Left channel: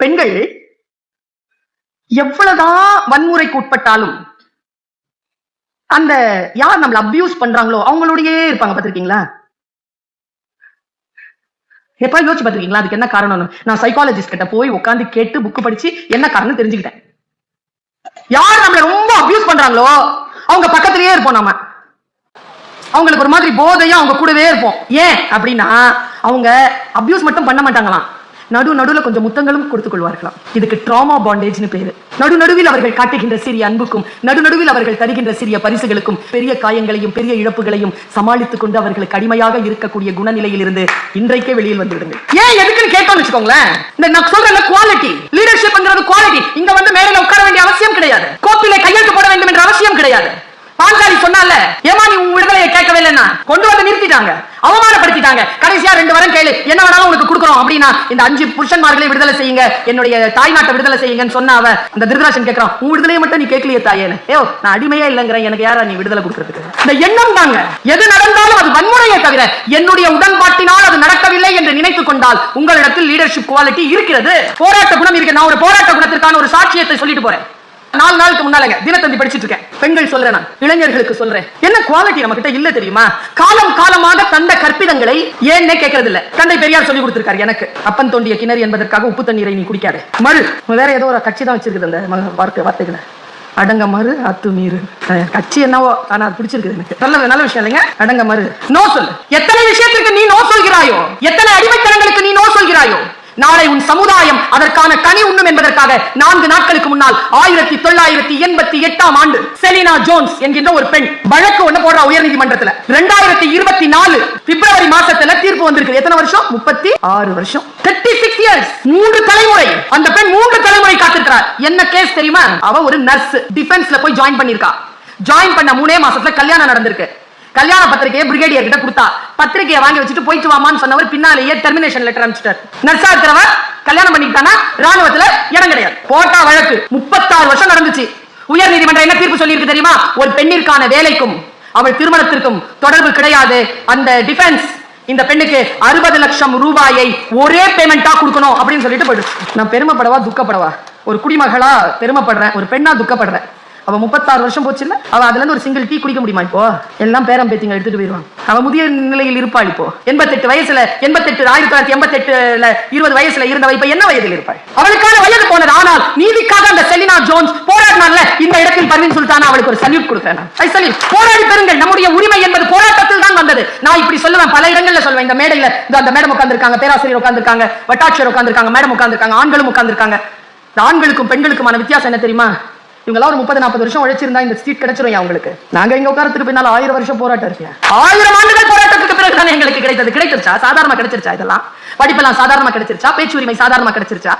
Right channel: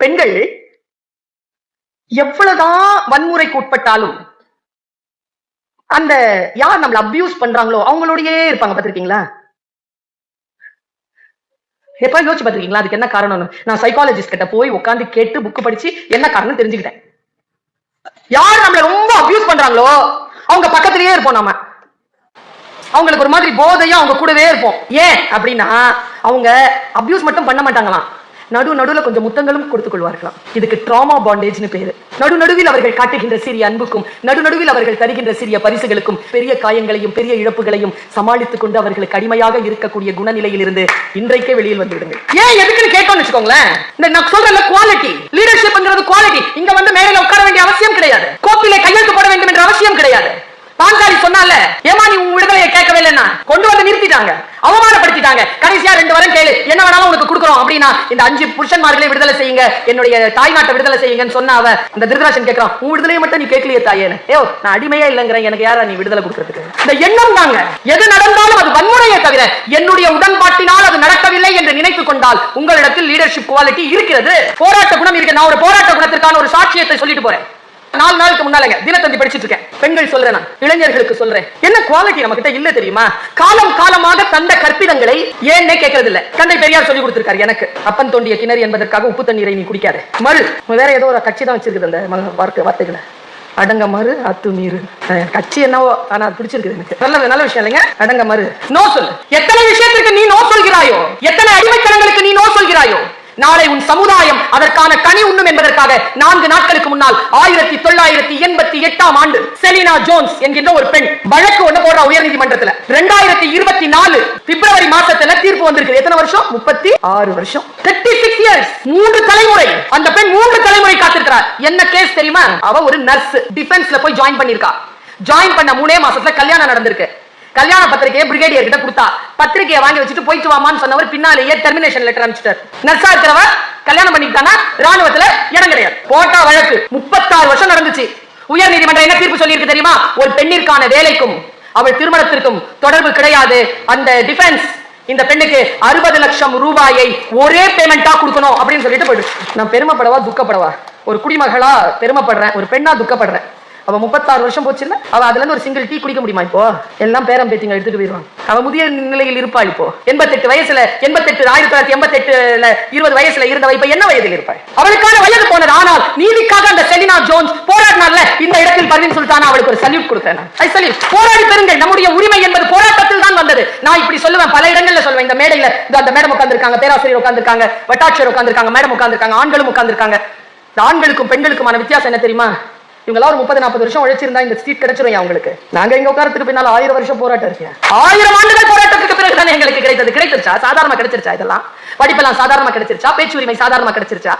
பெண்கள் எவ்வளவுதான் வன்முறைக்கு உட்பட்டாலும் அந்த யார் நம்மள அபியூஸ் பண்றாங்களோ அவங்களோடயே இருப்பாங்க. பாத்திருக்கீங்களா? எப்ப யோசிச்சு பாத்திருக்கீங்களா? அதுக்கு என்ன காரணம்? நான் சைக்காலஜிஸ்ட் கிட்ட போய் உட்காந்து கேட்டு புக் படிச்சு என்ன காரணம் தெரிஞ்சுக்கிட்டேன். யார் நம்மள ரொம்ப அபியூஸ் பண்றாங்களோ அவங்க பக்கத்திலேயே இருப்போம். நாம அவங்களுக்கு ஒரு மாதிரி போதையா அவங்க கூடவே இருப்போம். ஏன் அப்படின்னா அவங்க அபியூஸ் மட்டும் பண்ண மாட்டாங்களாம், நடுவுல கொஞ்சம் முத்தங்களும் கொடுத்துக் கொள்வார்களாம். இதுக்கு ட்ராமா பாண்டேஜ்னு பேரு. நடுவில் அவர்கள் காட்டுகின்ற சிறிய அன்புக்கும் நடுவில் அவர்கள் தருகின்ற சிறிய பரிசுகளுக்கும் பெரிய காயங்களையும் பெரிய இழப்புகளையும் சமாளித்துக் கொண்டு அவர்களுக்கு அடிமையாக இருக்கக்கூடிய குணநிலையில் இருந்து இன்றைக்கே வெளியில் வந்துவிடுங்க. ஏன் எதுக்குன்னு கேட்டோம்னு வச்சுக்கோங்களேன். இந்த நான் சொல்ற குவாலிட்டி லீடர்ஷிப்ங்கிறது குவாலிட்டி. இங்க வந்து மேடையில உட்கார வேண்டிய அவசியம் கிடையாது, கோப்பிலே கையெழுத்து போட வேண்டும் என்ற அவசியம் கிடையாது. பாஞ்சாலி சொன்னால ஏமா நீ உன் விடுதலையை கேட்கவே இல்லைன்னா கொண்டு வந்து நிறுத்திட்டாங்க, அவமானப்படுத்திட்டாங்க. கடைசியா 2 வாரம் கேளு, என்ன வேணாலும் உனக்கு கொடுக்குறோம் அப்படின்னா இந்த 5 புருஷன்மார்களை விடுதலை செய்யுங்க, என்னுடைய தாய்நாட்டை விடுதலை செய்யுங்கன்னு சொன்ன அவ இந்த திருதராஷன் கேட்கிறான், உன் விடுதலையை மட்டும் நீ கேட்கலையே தாயேன்னு. நான் அடிமையா இல்லைங்கிறேன், எனக்கு யாரா நீ விடுதலை கொடுக்கறதுக்கு? இந்த எண்ணம் தாங்க. எது நடந்தாலும் அது வன்முறையை தவிர என்னுடைய உடன்பாட்டினால் அது நடக்கவில்லை என்று நினைத்துக் கொண்டால் உங்களிடத்தில் லீடர்ஷிப் குவாலிட்டி இருக்கிறது, போராட்ட குணம் இருக்கு. நான் ஒரு போராட்ட குணத்திற்கான ஒரு சாட்சியத்தை சொல்லிட்டு போறேன். 4 நாளுக்கு முன்னாலங்க தினத்தந்தி படிச்சிட்டு இருக்கேன். பெண்கள் சொல்றேன், நான் இளைஞர்களுக்கு சொல்றேன், என்ன குவாலிட்டி நம்ம கிட்ட இல்ல தெரியுமா? காலமாக தந்த கற்பிதங்களை ஏன்னே கேட்கறது இல்ல. தந்தை பெரியார் சொல்லி கொடுத்திருக்காரு எனக்கு, அப்பன் தோண்டிய கிணறு என்பதற்காக உப்பு தண்ணீரை நீ குடிக்காத. மறு வேற ஏதோ ஒரு கட்சி தான் வச்சிருக்குது அந்த வார்த்தைகளை, அடங்க மறு அத்து மீறு. கட்சி என்னவோ ஆனா பிடிச்சிருக்குது எனக்கு. நல்ல விஷயம் இல்லைங்க. அடங்க மறு, நோ சொல். எத்தனை விஷயத்திற்கு நீ நோ சொல்கிறாயோ, எத்தனை அடிமைத்தனங்களுக்கு நீ நோ சொல்கிறாயோ, நாளை உன் சமுதாயம் அதற்கான கனி உண்ணும் என்பதற்காக 4 நாட்களுக்கு முன்னால் 1988ஆம் ஆண்டு செலினா ஜோன்ஸ் என்கின்ற ஒரு பெண் வழக்கு ஒண்ணு போடுற உயர்நீதிமன்றத்தில் 2024 பிப்ரவரி மாசத்துல தீர்ப்பு வந்திருக்கு. எத்தனை வருஷம்? 36 வருஷம், 36 இயர்ஸ், 3 தலைமுறை. அந்த பெண் 3 தலைமுறை காத்திருக்கிறார். என்ன கேஸ் தெரியுமா? அவ ஒரு நர்ஸ், டிஃபென்ஸ்ல போய் ஜாயின் பண்ணிருக்கா. ஜாயின் பண்ண 3 மாசத்துல கல்யாணம் நடந்திருக்கு. கல்யாண பத்திரிகையை பிரிகேடியர் கிட்ட கொடுத்தா, பத்திரிகையை வாங்கி வச்சுட்டு போயிட்டு வாமான்னு சொன்னவர் பின்னாலேயே டெர்மினேஷன் லெட்டர் அனுப்பிச்சிட்டார். நர்ஸா இருக்கிறவர் கல்யாணம் பண்ணிட்டானா ராணுவத்துல இடம் கிடையாது. போட்டா வழக்கு 36 வருஷம் நடந்துச்சு. உயர் நீதிமன்றம் என்ன தீர்ப்பு சொல்லி இருக்கு தெரியுமா? ஒரு பெண்ணிற்கான வேலைக்கும் அவள் திருமணத்திற்கும் தொடர்பு கிடையாது. அந்த டிஃபென்ஸ் இந்த பெண்ணுக்கு 60 லட்சம் ரூபாயை ஒரே பேமெண்டா கொடுக்கணும் அப்படின்னு சொல்லிட்டு போயிடுச்சு. நான் பெருமைப்படவா துக்கப்படவா? ஒரு குடிமகளா பெருமைப்படுறேன், ஒரு பெண்ணா துக்கப்படுறேன். அவ 36 வருஷம் போச்சு இல்ல, அவ அதுல இருந்து ஒரு சிங்கிள் டீ குடிக்க முடியுமா? இப்போ எல்லாம் பேரம் பேத்திங்க எடுத்துட்டு போயிருவாங்க. அவ முதிய நிலையில் இருப்பா. இப்போ 88 வயசுல 1988 20 வயசுல இருந்தவ இப்ப என்ன வயதில் இருப்பாள்? அவளுக்கான வயது போனது. ஆனால் நீதிக்காக அந்த செலினா ஜோன்ஸ் போராடினால இந்த இடத்தில் பர்வீன் சுல்தானா அவளுக்கு ஒரு சல்யூட் கொடுக்கிறேன். போராடி பெறுங்கள். நம்முடைய உரிமை என்பது போராட்டத்தில் தான் வந்தது. நான் இப்படி சொல்லுவேன், பல இடங்கள்ல சொல்லுவேன். இந்த மேடையில அந்த மேடம் உட்கார்ந்திருக்காங்க, பேராசிரியர் உட்கார்ந்திருக்காங்க, வட்டாட்சியர் உட்கார்ந்திருக்காங்க, மேடம் உட்கார்ந்திருக்காங்க, ஆண்களும் உட்கார்ந்திருக்காங்க. ஆண்களுக்கும் பெண்களுக்குமான வித்தியாசம் என்ன தெரியுமா? இவங்க ஒரு 30-40 வருஷம் உழைச்சிருந்தா இந்த சீட் கிடைச்சிரும் அவங்களுக்கு. நாங்க எங்க உட்காரத்துக்கு பின்னால 1000 வருஷம் போராட்டம் இருக்கு. 1000 ஆண்டுகள் போராட்டத்துக்கு பிறகு தானே எங்களுக்கு கிடைச்சிருச்சா? சாதாரணமா கிடைச்சிருச்சா? இதெல்லாம் படிப்பெல்லாம் சாதாரணமா கிடைச்சிருச்சா? பேச்சு உரிமை சாதாரணமா கிடைச்சிருச்சா?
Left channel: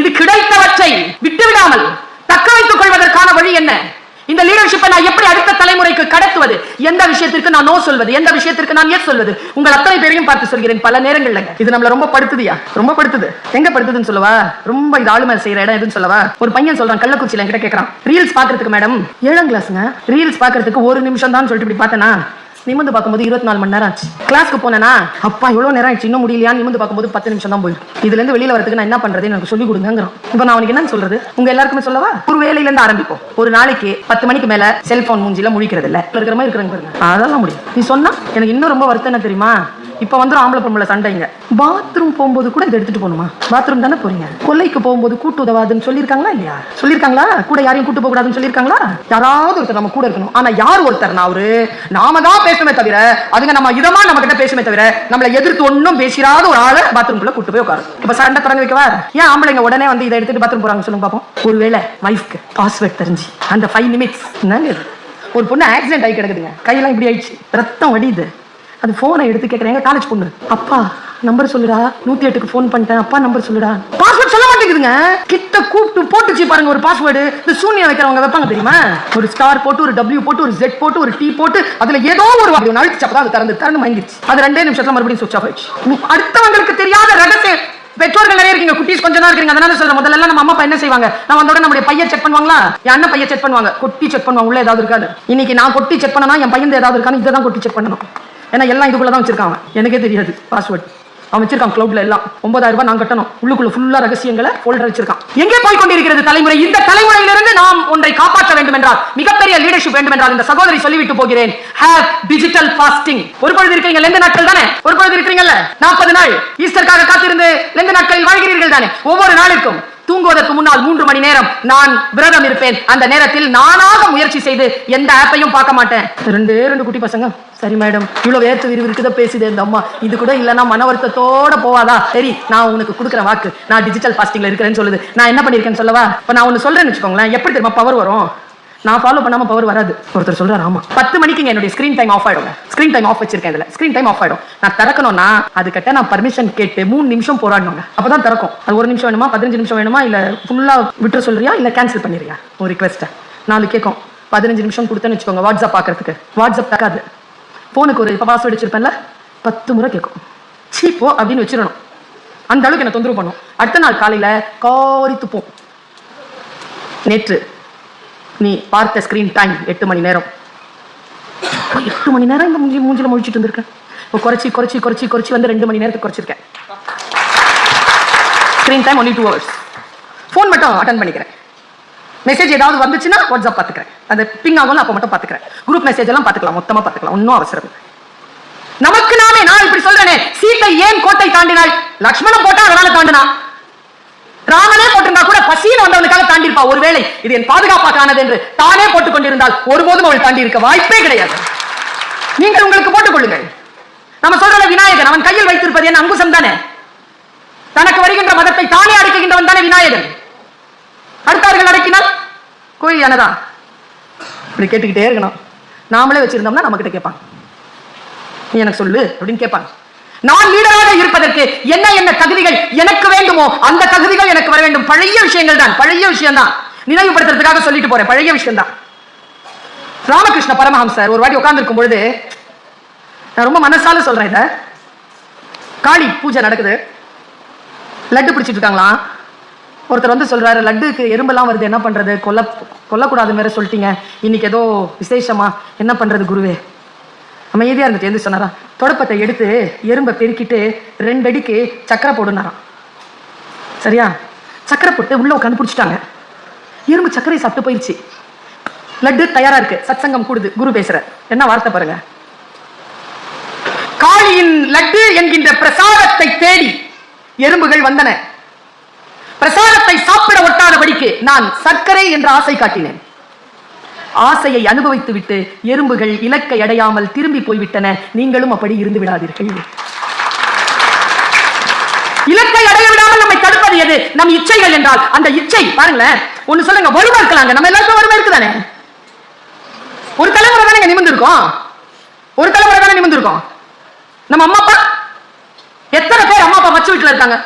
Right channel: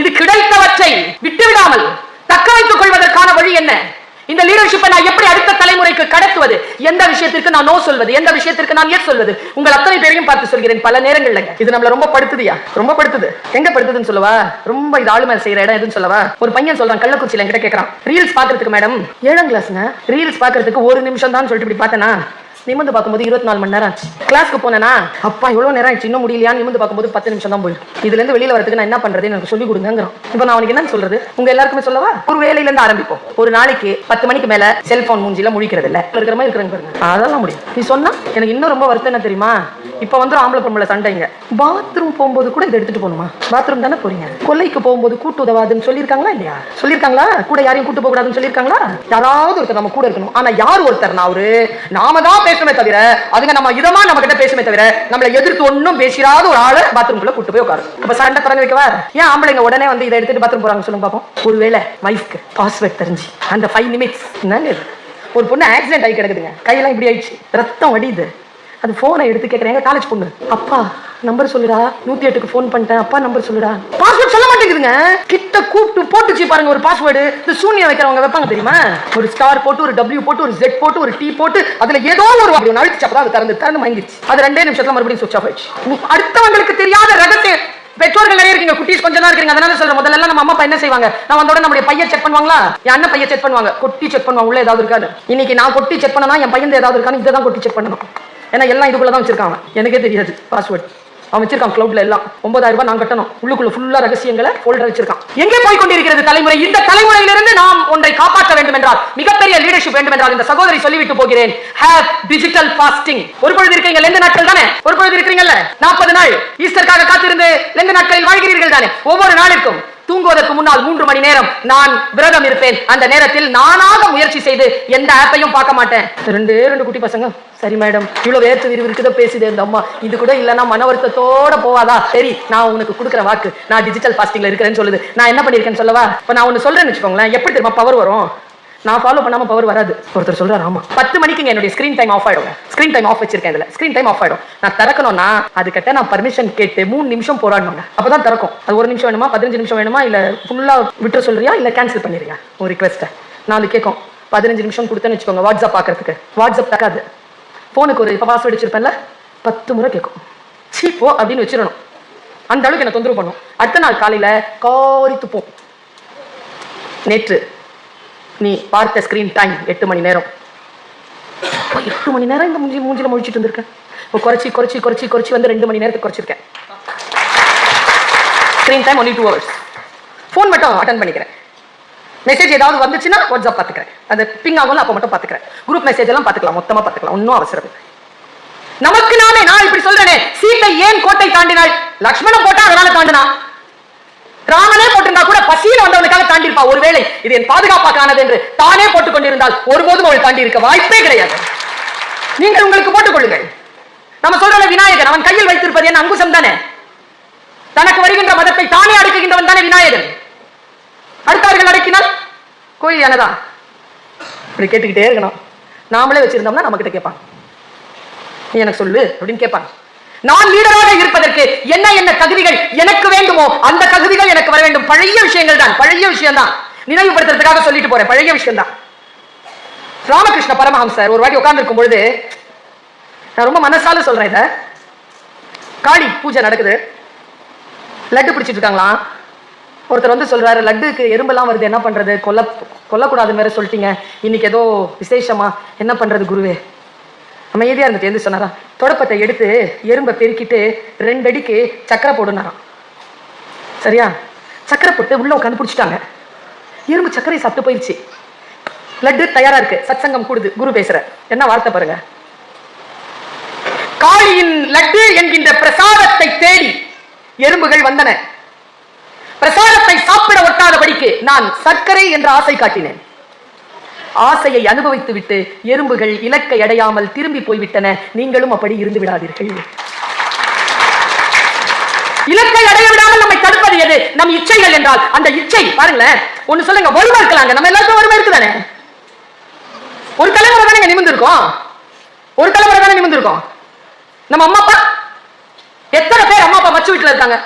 இது கிடைத்தவற்றை விட்டுவிடாமல் தக்க வைத்துக் கொள்வதற்கான வழி என்ன? இந்த லீடர்ஷிப்பை நான் எப்படி அடுத்த தலைமுறைக்கு கடத்துவது? எந்த விஷயத்திற்கு நான் நோ சொல்வது, எந்த விஷயத்திற்கு நான் எஸ் சொல்வது? உங்கள் அத்தனை பேரையும் பார்த்து சொல்கிறேன். பல நேரங்கள்ல இது நம்மள ரொம்ப படுத்துதியா, ரொம்ப படுத்துது. எங்க படுத்துதுன்னு சொல்லவா? ரொம்ப இது ஆளுமை செய்யற இடம் எதுன்னு சொல்லவா? ஒரு பையன் சொல்றான், கள்ளக்குறிச்சியில என்கிட்ட கேட்கறான், ரீல்ஸ் பாக்குறதுக்கு மேடம் 7ஆம் கிளாஸ்ங்க, ரீல்ஸ் பாக்குறதுக்கு 1 நிமிஷம் தான் சொல்லிட்டு இப்படி பார்த்தனா நிமிந்து பார்க்கும்போது 24 மணி நேரம் ஆச்சு. கிளாஸ்க்கு போனா அப்பா இவ்வளவு நேரம் ஆயிடுச்சு இன்னும் முடியலையா? நிமிந்து பார்க்கும்போது 10 நிமிஷம் தான் போயிருக்கு. இதுல இருந்து வெளியில வரதுக்கு நான் என்ன பண்றது? எனக்கு சொல்லி கொடுங்கிறோம். இப்ப நான் அவனுக்கு என்ன சொல்றது? உங்க எல்லாருக்குமே சொல்லவா? ஒரு வேலையில இருந்து ஆரம்பிப்போம். ஒரு நாளைக்கு 10 மணிக்கு மேல செல்போன் மூஞ்சில முழிக்கிறது இல்ல, இருக்கிற மாதிரி இருக்கிறாங்க. அதெல்லாம் முடியும். நீ சொன்னா எனக்கு இன்னும் ரொம்ப வருத்தம் என்ன தெரியுமா? இப்ப வந்து ஆம்பளை பொம்பளை சண்டைங்க. பாத்ரூம் போகும்போது கூட இதை எடுத்துட்டு போகணுமா? பாத்ரூம் தானே போறீங்க. கொல்லைக்கு போகும்போது கூட்டு உதவாதுன்னு சொல்லியிருக்காங்களா இல்லையா? சொல்லியிருக்காங்களா? கூட யாரையும் கூட்டு போக கூடாதுன்னு சொல்லியிருக்காங்களா? யாராவது ஒருத்தர் நம்ம கூட இருக்கணும். ஆனா யார் ஒருத்தர்? நாம தான் பேசணுமே தவிர, அதுங்க நம்ம இதமா நம்ம கிட்ட பேசுமே தவிர நம்மளை எதிர்த்து ஒன்னும் பேசிடாத ஒரு ஆளை பாத்ரூம்குள்ள கூட்டு போய் உட்காரு. இப்ப சண்டை திறந்து வைக்கவா? ஏன் ஆம்பளைங்க உடனே வந்து இதை எடுத்துட்டு பாத்ரூம் போறாங்க சொல்லுங்க பாப்போம். ஒருவேளை வைஃப்க்கு பாஸ்வேர்ட் தெரிஞ்சு அந்த 5 நிமிட்ஸ் ஒரு பொண்ணு ஆக்சிடென்ட் ஆகி கிடக்குதுங்க, கையெல்லாம் இப்படி ஆயிடுச்சு, ரத்தம் வடியுது. அது போனை எடுத்து கேட்கறேன், காலேஜ் பொண்ணு, அப்பா நம்பர் சொல்லுடா, 108க்கு போன் பண்ணிட்டேன், அப்பா நம்பர் சொல்லுடா. பாஸ்வேர்ட் சொல்ல மாட்டேங்குதுங்க. கிட்ட கூப்பிட்டு போட்டுச்சு பாருங்க ஒரு பாஸ்வேர்டு. இந்த சூனியம் வைக்கிறவங்க வைப்பாங்க தெரியுமா? ஒரு ஸ்டார் போட்டு, ஒரு W போட்டு, ஒரு Z போட்டு, ஒரு T போட்டு, அதுல ஏதோ ஒரு அப்படி நழிச்சப்பதான் அது திறந்து வாங்கிடுச்சு. அது 2 நிமிஷத்துல மறுபடியும் சுவிட்ச் ஆஃப் ஆயிடுச்சு. அடுத்தவங்களுக்கு தெரியாத ரகசியம். பெற்றோர்கள் நிறைய இருக்கீங்க, குட்டீஸ் கொஞ்சம் தான் இருக்கீங்க. அதனால சொல்றேன், முதல்ல நம்ம அம்மா அப்பா என்ன செய்வாங்க? நான் வந்தோட நம்முடைய பையன் செக் பண்ணுவாங்களா? என் அண்ணன் பையன் செக் பண்ணுவாங்க, கொட்டி செக் பண்ணுவாங்க உள்ள ஏதாவது இருக்காது. இன்னைக்கு நான் கொட்டி செக் பண்ணனா என் பையன் ஏதாவது இருக்கான்னு இதை தான் கொட்டி செக் பண்ணணும். ஏன்னா எல்லாம் இதுக்குள்ளதான் வச்சிருக்காங்க, எனக்கே தெரியாது பாஸ்வேர்ட். அவன் வச்சிருக்கான் கிளவுட்ல எல்லாம் 9000 ரூபாய் நான் கட்டணும். உள்ளுக்குள்ள ஃபுல்லா ரகசியங்களை ஃபோல்டர் வச்சிருக்கான். எங்கே போய் கொண்டிருக்கிறது தலைமுறை? இந்த தலைமுறையிலிருந்து நாம் ஒன்றை காப்பாற்ற வேண்டும் என்றால், மிகப்பெரிய லீடர்ஷிப் வேண்டும் என்றால், இந்த சகோதரி சொல்லிவிட்டு போகிறேன், ஹேவ் டிஜிட்டல் ஃபாஸ்டிங். ஒரு பொழுது இருக்கீங்க லெந்து நாட்கள் தானே, ஒரு பொழுது இருக்கீங்கல்ல 40 நாள் ஈஸ்டருக்காக காத்திருந்து லெந்து நாட்களில் வாழ்கிறீர்கள் தானே. ஒவ்வொரு நாளுக்கும் தூங்குவதற்கு முன்னால் 3 மணி நேரம் நான் விரதம் இருப்பேன். அந்த நேரத்தில் நானாக முயற்சி செய்து எந்த ஆப்பையும் பார்க்க மாட்டேன். 2 குட்டி பசங்க, சரி மேடம் இவ்வளவு வேர்த்து விறுவிறுக்குதோ பேசுது இந்த அம்மா, இது கூட இல்லைன்னா மன வருத்தத்தோட போவாதா? சரி நான் உனக்கு கொடுக்குற வாக்கு, நான் டிஜிட்டல் ஃபாஸ்டிங்ல இருக்கிறேன்னு சொல்லுது. நான் என்ன பண்ணிருக்கேன்னு சொல்லவா? இப்ப நான் ஒன்னு சொல்றேன்னு வச்சுக்கோங்களேன், எப்படி தெரியுமா பவர் வரும்? நான் ஃபாலோ பண்ணாம பவர் வராது. ஒருத்தர் சொல்றாரு, ஆமா 10 மணிக்கு என்னுடைய ஸ்கிரீன் டைம் ஆஃப் ஆயிடும். ஸ்கிரீன் டைம் ஆஃப் வச்சிருக்கேன், இதுல ஸ்கிரீன் டைம் ஆஃப் ஆயிடும். நான் திறக்கணும்னா அதுக்கிட்ட நான் பர்மிஷன் கேட்டு 3 நிமிஷம் போராடணும், அப்பதான் திறக்கும். அது 1 நிமிஷம் வேணுமா, 15 நிமிஷம் வேணுமா, இல்ல ஃபுல்லா விட்டு சொல்றியா, இல்ல கேன்சல் பண்ணிடுறியா ஒரு ரிக்வெஸ்ட். நான் கேட்கும் 15 நிமிஷம் கொடுத்தேன்னு வச்சுக்கோங்க வாட்ஸ்அப் பாக்குறதுக்கு. வாட்ஸ்அப் தக்காது. போனுக்கு ஒரு பாஸ்வேர்டு வச்சிருப்பேன்ல 10 முறை கேட்கும். சீப்போ அப்படின்னு வச்சிடணும். அந்த அளவுக்கு என்ன தொந்தரவு பண்ணும். அடுத்த நாள் காலையில காரி துப்போம். நேற்று நீ பார்த்த ஸ்கிரீன் டைம் 8 மணி நேரம். 8 மணி நேரம் இந்த மூஞ்சில முடிச்சிட்டு இருந்திருக்கேன். இப்போ குறைச்சி வந்து 2 மணி நேரத்துக்கு குறைச்சிருக்கேன். Screen time only 2 hours. Phone மட்டும் அட்டன் பண்ணிக்கிறேன். மெசேஜ் ஏதாவது வந்துச்சுன்னா வாட்ஸ்அப் பார்த்துக்கிறேன். அது பிங் ஆகும், அப்போ மட்டும் பார்த்துக்கிறேன். குரூப் மெசேஜ் எல்லாம் பார்த்துக்கலாம், மொத்தமா பார்த்துக்கலாம், ஒன்னும் அவசரம். நமக்கு நாமே நான் இப்படி சொல்றேனே, சீத்தை ஏன் கோட்டை தாண்டினாள்? லக்ஷ்மணன் போட்டா அதனால தாண்டினா. ராமனே போட்டிருந்தா கூட பசியில் வந்தவனுக்காக தாண்டிருப்பா. ஒருவேளை இது என் பாதுகாப்பாக்கானது என்று தானே போட்டுக் கொண்டிருந்தால் ஒருபோதும் அவள் தாண்டி இருக்க வாய்ப்பே கிடையாது. நீங்கள் உங்களுக்கு போட்டுக் கொள்ளுங்கள். நம்ம சொல்ற விநாயகர், அவன் கையில் வைத்திருப்பது என்ன? அங்குசம் தானே. தனக்கு வருகின்ற மதத்தை தானே அடக்குகின்றவன் தானே விநாயகர். அடுத்தவர்கள் அடக்கினால் கோயில் யானதா? இப்படி கேட்டுக்கிட்டே இருக்கணும். நாமளே வச்சிருந்தோம்னா நம்ம கிட்ட கேட்பாங்க, நீ எனக்கு சொல்லு அப்படின்னு கேட்பாங்க. நான் லீடராக இருப்பதற்கு என்ன என்ன தகுதிகள் எனக்கு வேண்டுமோ அந்த தகுதிகள் எனக்கு வர வேண்டும். பழைய விஷயங்கள் தான், பழைய விஷயம் தான், நினைவுபடுத்துறதுக்காக சொல்லிட்டு போறேன். பழைய விஷயம் தான். ராமகிருஷ்ண பரமஹம்சர் ஒரு வாட்டி உட்கார்ந்து இருக்கும் பொழுது, நான் ரொம்ப மனசால சொல்றேன், இத காளி பூஜை நடக்குது, லட்டு பிடிச்சிட்டு இருக்காங்களாம். ஒருத்தர் வந்து சொல்றாரு, லட்டுக்கு எறும்பெல்லாம் வருது, என்ன பண்றது? கொல்லக்கூடாதுன்னு வேற சொல்லிட்டீங்க, இன்னைக்கு ஏதோ விசேஷமா, என்ன பண்றது குருவே? அமைதியா இருந்துட்டு எந்த சொன்னாரா, தொடப்பத்தை எடுத்து எறும்பை பெருக்கிட்டு 2 அடிக்கு சக்கரை போடுனாராம். சரியா? சக்கரை போட்டு உள்ள உட்காந்து பிடிச்சிட்டாங்க. எறும்பு சக்கரையை சாப்பிட்டு போயிடுச்சு. லட்டு தயாரா இருக்கு. சத்சங்கம் கூடுது, குரு பேசுற. என்ன வார்த்தை பாருங்க, காளியின் லட்டு என்கின்ற பிரசாதத்தை தேடி எறும்புகள் வந்தன. பிரசாதத்தை சாப்பிட ஒட்டாதபடிக்கு நான் சர்க்கரை என்ற ஆசை காட்டினேன். ஆசையை அனுபவித்து விட்டு எறும்புகள் இலக்கை அடையாமல் திரும்பி போய்விட்டன. நீங்களும் அப்படி இருந்து விடாதீர்கள். இலக்கை அடைய விடாமல் நம்மை தடுப்பது எது? நம் இச்சைகள் என்றால் அந்த இச்சை பாருங்களேன். ஒண்ணு சொல்லுங்க, வறுமை இருக்கலாங்க, நம்ம எல்லாருக்கும் வறுமை இருக்குதானே. ஒரு தலைமுறை தானே நிமிர்ந்திருக்கோம், ஒரு தலைமுறை தானே நிமிர்ந்திருக்கோம். நம்ம அம்மா அப்பா எத்தனை பேர் அம்மா அப்பா வச்சு வீட்டுல இருக்காங்க?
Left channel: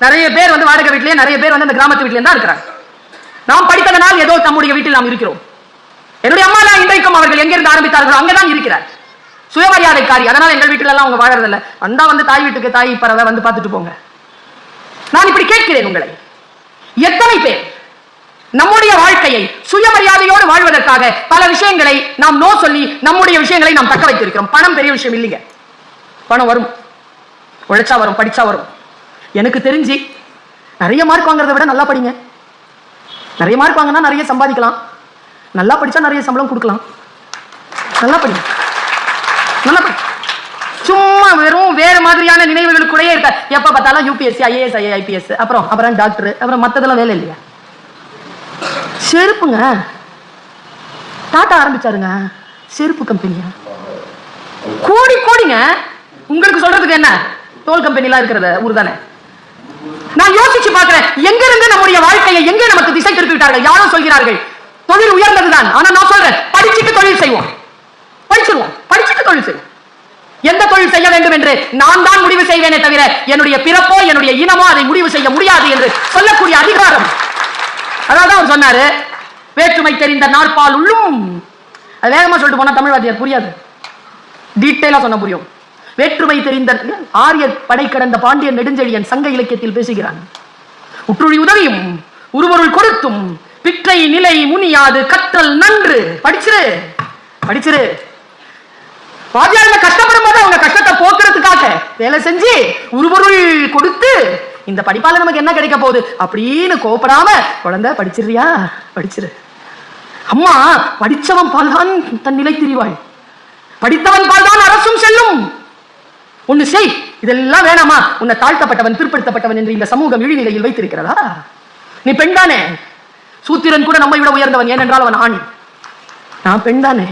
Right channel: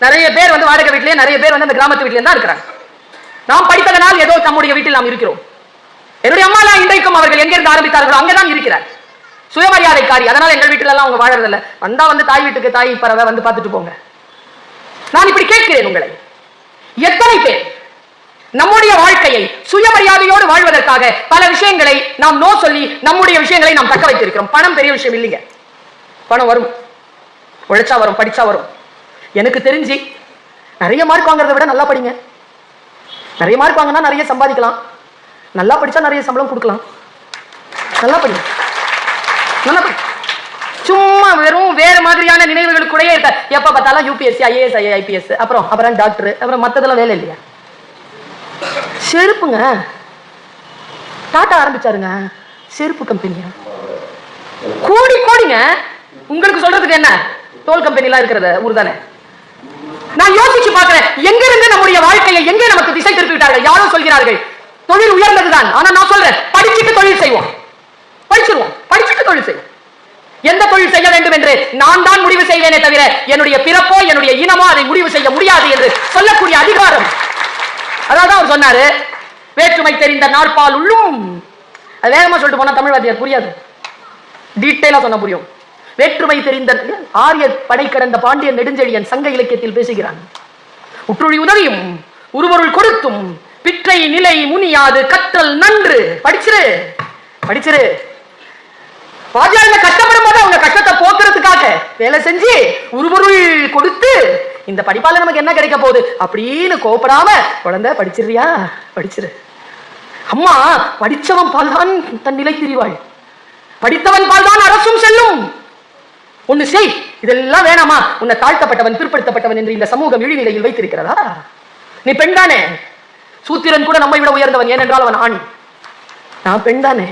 நிறைய பேர் வந்து வாடகை வீட்லயே, நிறைய பேர் வந்து அந்த கிராமத்து வீட்லயே தான் இருக்கிறாங்க. நாம் படித்ததனால் ஏதோ நம்முடைய வீட்டில் நாம் இருக்கிறோம். என்னுடைய அம்மா இன்றைக்கும் அவர்கள் எங்கிருந்து ஆரம்பித்தார்களோ அங்கதான் இருக்கிறார். சுயமரியாதைக்காரி. அதனால எங்கள் வீட்டுல எல்லாம் அவங்க வாழறதில்ல. வந்தா வந்து தாய் வீட்டுக்கு தாய் பறவை வந்து பார்த்துட்டு போங்க. நான் இப்படி கேட்கிறேன் உங்களை, எத்தனை பேர் நம்முடைய வாழ்க்கையை சுயமரியாதையோடு வாழ்வதற்காக பல விஷயங்களை நாம் நோ சொல்லி நம்முடைய விஷயங்களை நாம் தக்க வைத்திருக்கிறோம். பணம் பெரிய விஷயம் இல்லைங்க. பணம் வரும், உழைச்சா வரும், படிச்சா வரும். எனக்கு தெரிஞ்சு நிறைய மார்க் வாங்குறதை விட நல்லா படிங்க. நிறைய மார்க் வாங்கினா நிறைய சம்பாதிக்கலாம். நல்லா படிச்சா நிறைய சம்பளம் கொடுக்கலாம். நல்லா படி, நல்லா படி. சும்மா வெறும் வேற மாதிரியான நினைவுகள் கூட இருக்க. எப்ப பார்த்தாலும் யூபிஎஸ்சி, ஐஏஎஸ், ஐபிஎஸ், அப்புறம் டாக்டர், அப்புறம் மத்ததெல்லாம் வேலை இல்லையா? செருப்புங்க டாட்டா ஆரம்பிச்சாருங்க, செருப்பு கம்பெனியா, கோடி கோடிங்க. உங்களுக்கு சொல்றதுக்கு என்ன, தோல் கம்பெனி எல்லாம் இருக்கிறது ஊர் தானே. நான் யோசிச்சு பார்க்கிறேன், எங்கிருந்து நம்முடைய வாழ்க்கையை எங்கே நமக்கு திசை திருப்பி விட்டார்கள். யாரும் சொல்கிறார்கள் தொழில் உயர்ந்ததுதான். ஆனா நான் சொல்றேன், படிச்சுட்டு தொழில் செய்வோம், படிச்சிருவோம், படிச்சுட்டு தொழில் செய்வோம். எந்த தொழில் செய்ய வேண்டும் என்று நான் தான் முடிவு செய்வேனே தவிர என்னுடைய பிறப்போ என்னுடைய இனமோ அதை முடிவு செய்ய முடியாது என்று சொல்லக்கூடிய அதிகாரம். அதாவது அவர் சொன்னாரு, வேற்றுமை தெரிந்த நாற்பால் உள்ளும். அது வேகமா சொல்லிட்டு போனா தமிழ்வாதியார் புரியாது, டீட்டெயிலா சொன்ன புரியும். வேற்றுமை தெரிந்த ஆரிய படை கடந்த பாண்டியன் நெடுஞ்செழியன் சங்க இலக்கியத்தில் பேசுகிறான். உற்றுழி உதவியும் உருவருள் கொடுத்தும் பிற்றை நிலை முனியாது கற்றல் நன்று. படிச்சிரு படிச்சிரு. வாத்தியாருங்க கஷ்டப்படும் போது அவங்க கஷ்டத்தை போக்குறதுக்காக வேலை செஞ்சு உருபொருள் கொடுத்து இந்த படிப்பால நமக்கு என்ன கிடைக்க போகுது அப்படின்னு கோபப்படாம குழந்தை படிச்சிருறியா, படிச்சிரு. அம்மா படிச்சவன் பால் தான் தன் நிலை திரிவாள், படித்தவன் பால் தான் அரசும் செல்லும். ஒண்ணு செய், இதெல்லாம் வேணாமா? உன்னை தாழ்த்தப்பட்டவன் பிற்படுத்தப்பட்டவன் என்று இந்த சமூகம் இழிநிலையில் வைத்திருக்கிறதா? நீ பெண் தானே. சூத்திரன் கூட நம்மை விட உயர்ந்தவன், ஏனென்றால் அவன் ஆண். நான் பெண் தானே.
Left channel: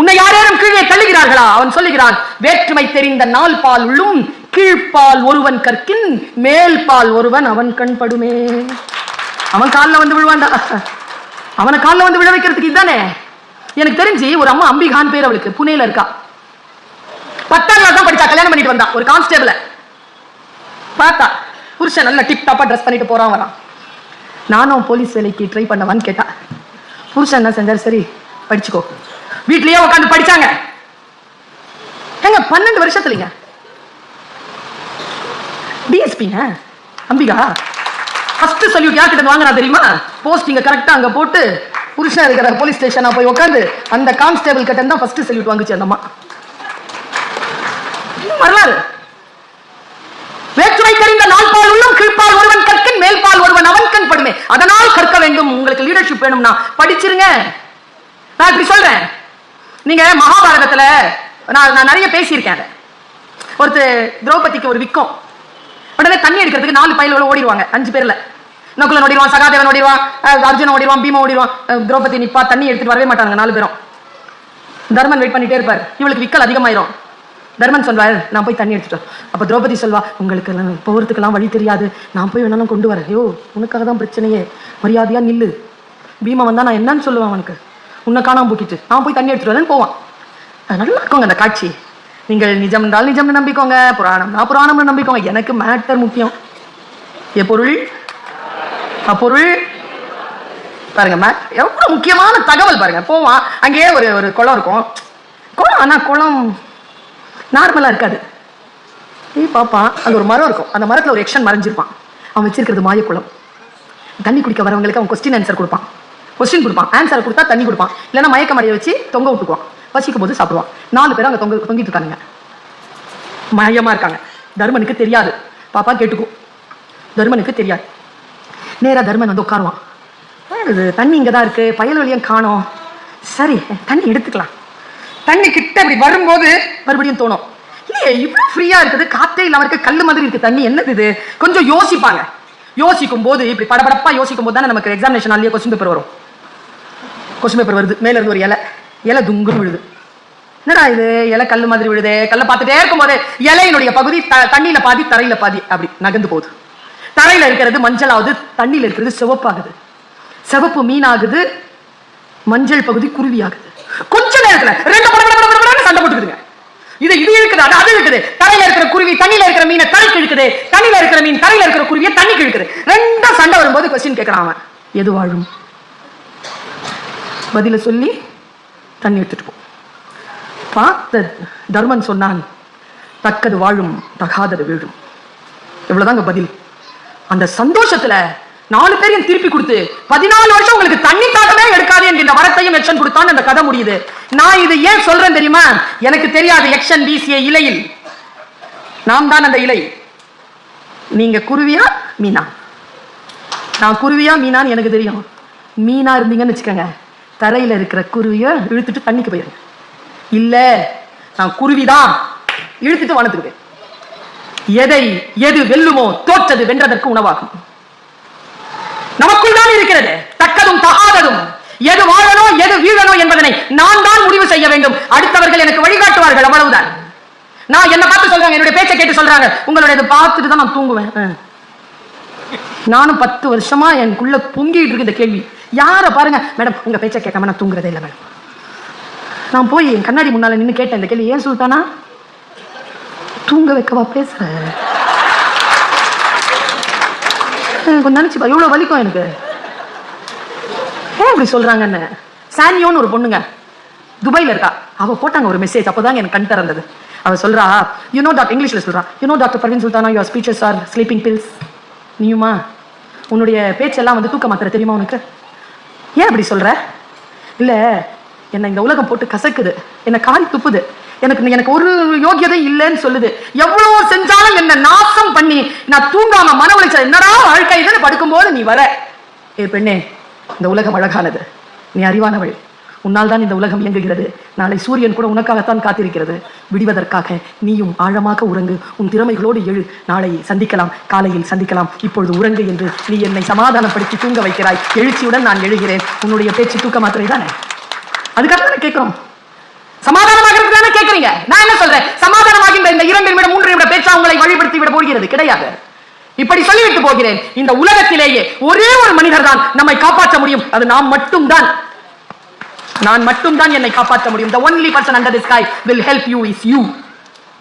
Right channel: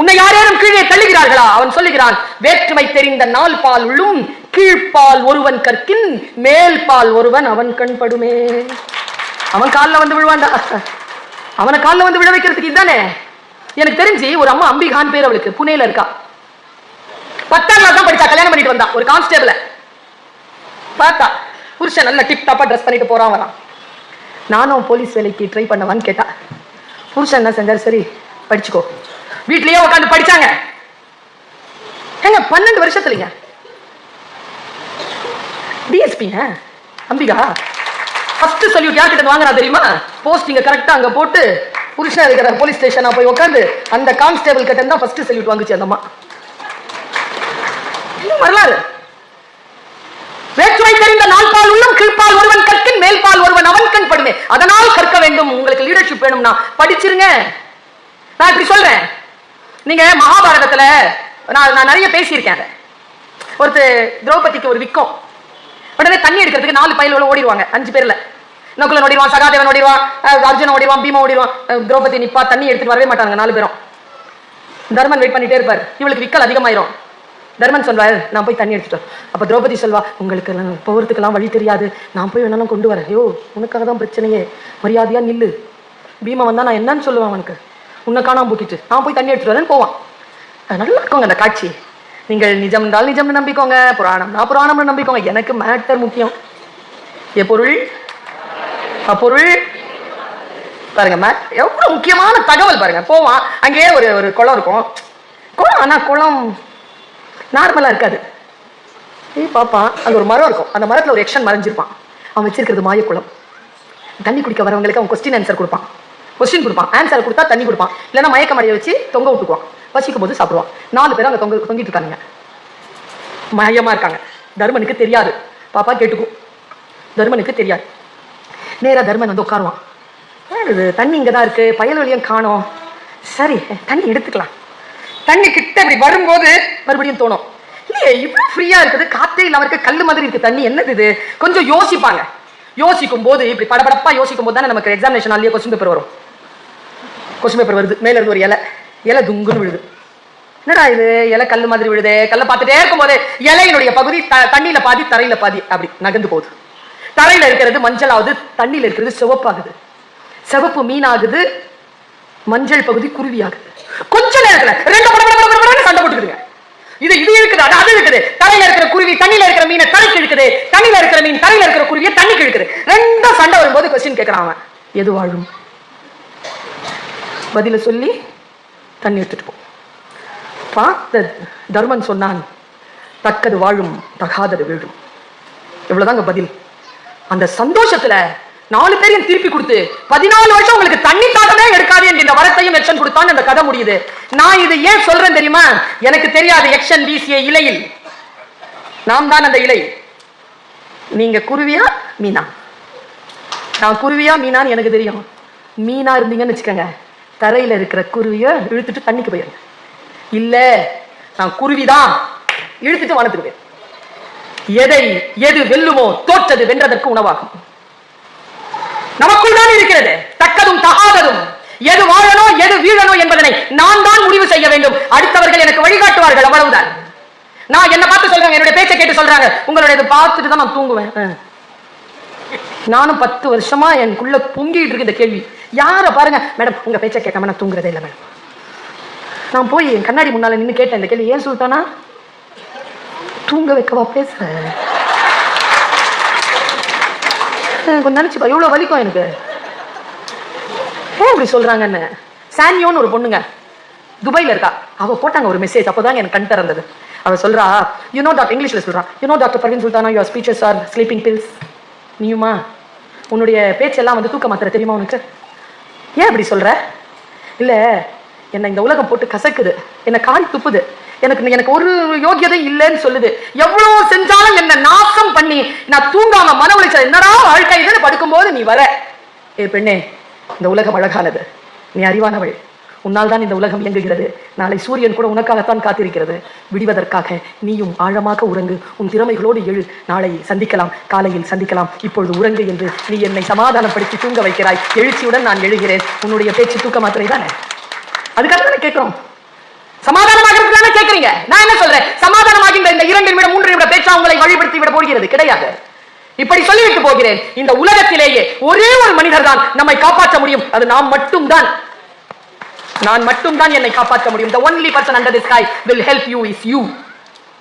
உன்னை யாரேனும் கீழே தள்ளுகிறார்களா? அவன் சொல்லுகிறான், வேற்றுமை தெரிந்த நாள் பால் உள்ளும் கீழ்பால் ஒருவன் கற்கின் மேல் பால் ஒருவன் அவன் கண் படுமே. அவன் காலில் வந்து விழுவான்டா, அவனை காலில் வந்து விழ வைக்கிறதுக்கு இதுதானே. எனக்கு தெரிஞ்சு ஒரு அம்மா அம்பிகான் பேர், அவளுக்கு புனேல இருக்கா. 10ஆம் கிளாஸ் தான் படிச்சா, கல்யாணம் பண்ணிட்டு வந்தா ஒரு கான்ஸ்டேபிள. பார்த்தா புருஷன் நல்ல டிப் டாப்பா ட்ரெஸ் பண்ணிட்டு போறான் வரான். நானும் போலீஸ் வேலைக்கு ட்ரை பண்ணவான்னு கேட்டா, புருஷன் என்ன செஞ்சாரு, சரி படிச்சுக்கோ. வீட்லயே உட்காந்து படிச்சாங்க. எங்க 12 வருஷத்துலங்க டிஎஸ்பிங்க அம்பிகா. ஃபர்ஸ்ட் சல்யூட் யார்கிட்ட வாங்குறா தெரியுமா? போஸ்டிங்க கரெக்டா அங்க போட்டு புருஷன் இருக்கிற போலீஸ் ஸ்டேஷனா போய் உட்காந்து அந்த கான்ஸ்டேபிள் கிட்ட தான் ஃபர்ஸ்ட் சல்யூட் வாங்குச்சு அந்த அம்மா. வரலாறு. வேற்றுமை தெரிந்த நாள் பால் உள்ளும் கீழ்பால் ஒருவன் கற்கின் மேல் பால் ஒருவன் அவன் கண் படுமே. அதனால் கற்க வேண்டும். உங்களுக்கு லீடர்ஷிப் வேணும்னா படிச்சிருங்க. நான் இப்படி சொல்றேன். நீங்க மகாபாரதத்துல நான் நிறைய பேசியிருக்கேன். ஒருத்தர் திரௌபதிக்கு ஒரு விக்கம். உடனே தண்ணி எடுக்கிறதுக்கு 4 பயல்களும் ஓடிடுவாங்க. 5 பேர்ல நகுலன் ஓடிடுவான், சகாதேவன் ஓடிடுவான், அர்ஜுனன் ஓடிடுவான், பீமா ஓடிடுவான். திரௌபதி நிப்பா, தண்ணி எடுத்துட்டு வரவே மாட்டாங்க 4 பேரும். தர்மன் வெயிட் பண்ணிட்டே இருப்பார். இவளுக்கு விக்கல் அதிகமாயிரும். தர்மன் சொல்வாரு, நான் போய் தண்ணி எடுத்துட்டோம். அப்ப திரௌபதி சொல்வா, உங்களுக்கு போகிறதுக்கெல்லாம் வழி தெரியாது, நான் போய் வேணாலும் கொண்டு வரேன். ஐயோ, உனக்காக தான் பிரச்சனையே, மரியாதையா நில்லு. பீமா வந்தா நான் என்னன்னு சொல்லுவான் அவனுக்கு, உன்னை காணாம போக்கிட்டு நான் போய் தண்ணி எடுத்துட்டு வரேன்னு போவான். நல்லா இருக்குங்க அந்த காட்சி. நீங்கள் நிஜம் என்றால் நிஜம்னு நம்பிக்கோங்க, புராணம்னா புராணம்னு நம்பிக்கோங்க. எனக்கு மேட்டர் முக்கியம். எப்பொருள் அப்பொருள். பாருங்க, எவ்வளவு முக்கியமான தகவல் பாருங்க. போவான், அங்கேயே ஒரு குளம் இருக்கும். குளம், ஆனா குளம் நார்மலா இருக்காது. பாப்பான், அங்க ஒரு மரம் இருக்கும். அந்த மரத்துல ஒரு எக்ஷன் மறைஞ்சிருப்பான். அவன் வச்சிருக்கிறது மாயக்குளம். தண்ணி குடிக்க வரவங்களுக்கு அவன் கொஸ்டின் ஆன்சர் கொடுப்பான். கொஸ்டின் கொடுப்பான், ஆன்சர் கொடுத்தா தண்ணி கொடுப்பான். இல்லைன்னா மயக்க மடியை வச்சு தொங்க விட்டுக்குவான். பசிக்கும் போது சாப்பிடுவான். 4 பேரும் அங்க தொங்கிட்டு இருக்காங்க, மயமா இருக்காங்க. தர்மனுக்கு தெரியாது. பாப்பா கேட்டுக்கும். தர்மனுக்கு தெரியாது. நேரா தர்மன் வந்து உட்காருவான். தண்ணி இங்கதான் இருக்கு, பயல்வெளியும் காணோம். சரி, தண்ணி எடுத்துக்கலாம். தண்ணி கிட்ட அப்படி வரும்போது மறுபடியும் தோணும், இல்லையே இவ்வளவு ஃப்ரீயா இருக்குது, காத்தே இல்லாம இருக்கு, கல்லு மாதிரி இருக்கு தண்ணி, என்னது இது? கொஞ்சம் யோசிப்பாங்க. யோசிக்கும் போது இப்படி படபடப்பா யோசிக்கும் போது தானே நமக்கு எக்ஸாமினேஷன் ஆலியே கொஸ்டின் பேப்பர் வரும். கொஸ்டின் பேப்பர் வருது, மேல இருந்து ஒரு இலை துங்குன்னு விழுது. என்னடா இது, இலை கல்லு மாதிரி விழுது. கல்லை பார்த்துட்டே இருக்கும் போது இலையினுடைய பகுதி தண்ணியில பாதி தரையில பாதி அப்படி நகர்ந்து போகுது. தரையில இருக்கிறது மஞ்சள் ஆகுது, தண்ணியில இருக்கிறது சிவப்பாகுது. சிவப்பு மீன் ஆகுது, மஞ்சள் பகுதி குருவி ஆகுது. கொஞ்ச நேரத்துல 2 சண்டை போட்டுக்குதுங்க. இது இருக்குது, அது இருக்குது. தரையில இருக்கிற குருவி தண்ணியில இருக்கிற மீனை தரைக்கு இழுக்குது, தண்ணியில இருக்கிற மீன் தரையில இருக்கிற குருவியை தண்ணிக்கு இழுக்குது. 2 சண்டை வரும்போது கொஸ்டின் கேட்கறான், எது வாழும்? பதில சொல்லி தண்ணி எடுத்துட்டு போ. பார்த்த தர்மன் சொன்னான், தக்கது வாழும், தகாதது வீழும். இவ்வளவுதாங்க பதில். அந்த சந்தோஷத்துல 4 பேரையும் திருப்பி கொடுத்து 14 வருஷம் உங்களுக்கு தண்ணி தாகமே எடுக்காது என்ற இந்த வரத்தையும் எக்ஷன் கொடுத்தான். அந்த கதை முடியுது. நான் இது ஏன் சொல்றேன் தெரியுமா? எனக்கு தெரியாது எக்ஷன் வீசிய இலையில் நாம் தான் அந்த இலை. நீங்க குருவியா மீனா? நான் குருவியா மீனான்னு எனக்கு தெரியும். மீனா இருந்தீங்கன்னு வச்சுக்கோங்க, தரையில இருக்கிற குருவிய இழுத்துட்டு தண்ணிக்கு போயிருங்க. இல்ல, நான் குருவிதான், இழுத்துட்டு வனத்துக்கு போய். எது வெல்லுமோ தோற்றது வென்றதற்கு உணவாகும். நமக்குள் தான் இருக்கிறது தக்கதும் தகாததும். எது வாழணும் எது வீழணும் என்பதனை நான் தான் முடிவு செய்ய வேண்டும். அடுத்தவர்கள் எனக்கு வழிகாட்டுவார்கள், அவ்வளவுதான். நான் என்ன பார்த்து சொல்றாங்க, என்னுடைய பேச்சை கேட்டு சொல்றாங்க, உங்களுடைய பார்த்துட்டு தான் நான் தூங்குவேன். நானும் 10 வருஷமா எனக்குள்ள பொங்கிட்டு இருக்கு இந்த கேள்வி. யார பாருங்க, மேடம் உங்க பேச்சை கேட்காம நான் தூங்குறதே இல்லை மேடம். நான் போய் என் கண்ணாடி முன்னால நின்று கேட்டேன் இந்த கேள்வி. ஏன் சுல்தானா தூங்க வைக்கவா பேசுறேன்? எனக்கு நினைச்சுப்பா இவ்வளவு வலிக்கும் எனக்கு. ஏன் இப்படி சொல்றாங்கன்னு. சானியோன்னு ஒரு பொண்ணுங்க துபாயில இருக்கா. அவ போட்டாங்க ஒரு மெசேஜ், அப்போதாங்க எனக்கு கண் திறந்தது. அவ சொல்றா, இங்கிலீஷ்ல சொல்றா, doctor Parveen Sultana, your speeches are sleeping pills. நீயுமா உன்னுடைய பேச்செல்லாம் வந்து தூக்க மாத்திரை தெரியுமா உனக்கு? ஏன் அப்படி சொல்ற? இல்ல, என்ன இந்த உலகம் போட்டு கசக்குது, என்ன கால் துப்புது, எனக்கு ஒரு யோகியதை இல்லைன்னு சொல்லுது. எவ்வளவு செஞ்சாலும் என்ன நாசம் பண்ணி நான் தூங்காம மன உளைச்சல் என்னடா வாழ்க்கைன்னு படுக்கும் போது நீ வர. ஏ பெண்ணே, இந்த உலகம் அழகானது, நீ அறிவானவள், உன்னால் தான் இந்த உலகம் இயங்குகிறது. நாளை சூரியன் கூட உனக்காகத்தான் காத்திருக்கிறது. விடுவதற்காக நீயும் ஆழமாக உறங்கு, உன் திறமைகளோடு எழு. நாளை சந்திக்கலாம், காலையில் சந்திக்கலாம், இப்பொழுது உறங்கு என்று நீ என்னை சமாதானப்படுத்தி தூங்க வைக்கிறாய். எழுச்சியுடன் நான் எழுகிறேன். உன்னுடைய பேச்சு தூக்க மாத்திரை தானே, அதுக்காக தானே கேட்கிறோம். சமாதானமாக கேட்கிறீங்க. நான் என்ன சொல்றேன், சமாதானமாக இந்த 2 நிமிடம் 3 நிமிட பேச்சா உங்களை வழிபடுத்தி விட போகிறது கிடையாது. இப்படி சொல்லிவிட்டு போகிறேன், இந்த உலகத்திலேயே ஒரே ஒரு மனிதர் தான் நம்மை காப்பாற்ற முடியும். அது நாம் மட்டும்தான். நான் மட்டும்தான் என்னை காப்பாற்ற முடியும். The only person under the sky will help you is you.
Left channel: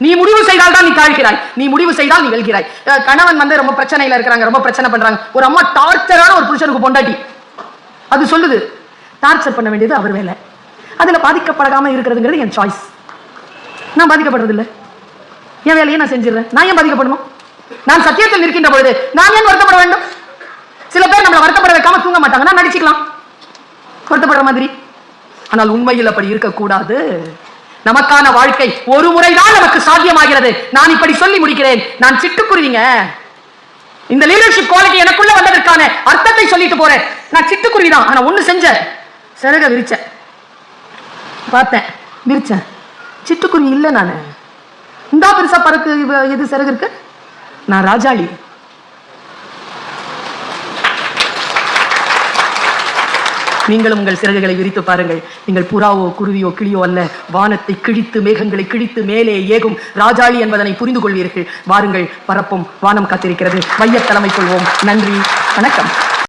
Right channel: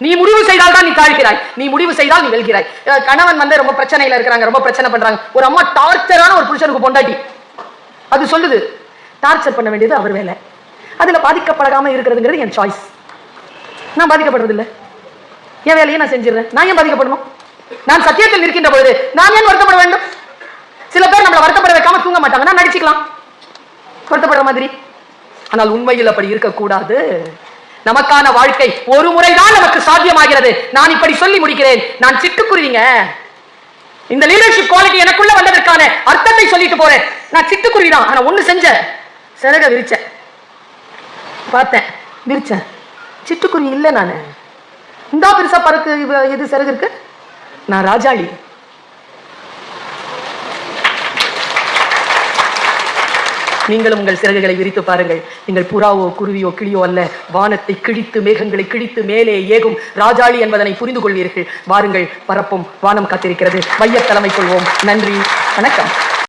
நீ முடிவு செய்தால் தான் நீ தாழ்கிறாய், நீ முடிவு செய்தால் நீ வெல்கிறாய். கணவன் வந்து ரொம்ப பிரச்சனையில இருக்கிறாங்க, ரொம்ப பிரச்சனை பண்றாங்க. ஒரு அம்மா டார்ச்சரான ஒரு புருஷனுக்கு பொண்டாட்டி, அது சொல்லுது டார்ச்சர் பண்ண வேண்டியது அவர் வேலை. அதுல பாதிக்கப்படாம இருக்கிறதுங்கிறது என் சாய்ஸ். நான் பாதிக்கப்படுறது இல்லை, என் வேலையை நான் செஞ்சிடறேன். நான் ஏன் பாதிக்கப்படணும்? நான் சத்தியத்தில் இருக்கின்ற பொழுது நான் ஏன் வருத்தப்பட வேண்டும்? சில பேர் நம்மளை வருத்தப்பட வைக்காம தூங்க மாட்டாங்க, நான் நடிச்சுக்கலாம் வருத்தப்படுற மாதிரி. ஆனால் உண்மையில் அப்படி இருக்கக்கூடாது. நமக்கான வாழ்க்கை ஒரு முறைதான் நமக்கு சாத்தியமாகிறது. நான் இப்படி சொல்லி முடிக்கிறேன். நான் சிட்டுக்குருவிங்க, இந்த லீடர்ஷிப் குவாலிட்டி எனக்குள்ள வந்ததற்கான அர்த்தத்தை சொல்லிட்டு போறேன். நான் சிட்டுக்குருவிதான். ஆனா ஒண்ணு செஞ்ச, சிறக விரிச்சேன், பார்த்தேன், விரிச்சேன். சிட்டுக்குருவி இல்லை நானு. இந்த பெருசா பறக்கு இது சிறகு இருக்கு. நான் ராஜாளி. நீங்களும் உங்கள் சிறகுகளை விரித்து பாருங்கள். நீங்கள் புறாவோ குருவியோ கிளியோ அல்ல. வானத்தை கிழித்து மேகங்களை கிழித்து மேலே ஏகும் ராஜாளி என்பதனை புரிந்து கொள்வீர்கள். வாருங்கள், பரப்பும் வானம் காத்திருக்கிறது. மையத்தலைமை கொள்வோம். நன்றி, வணக்கம்.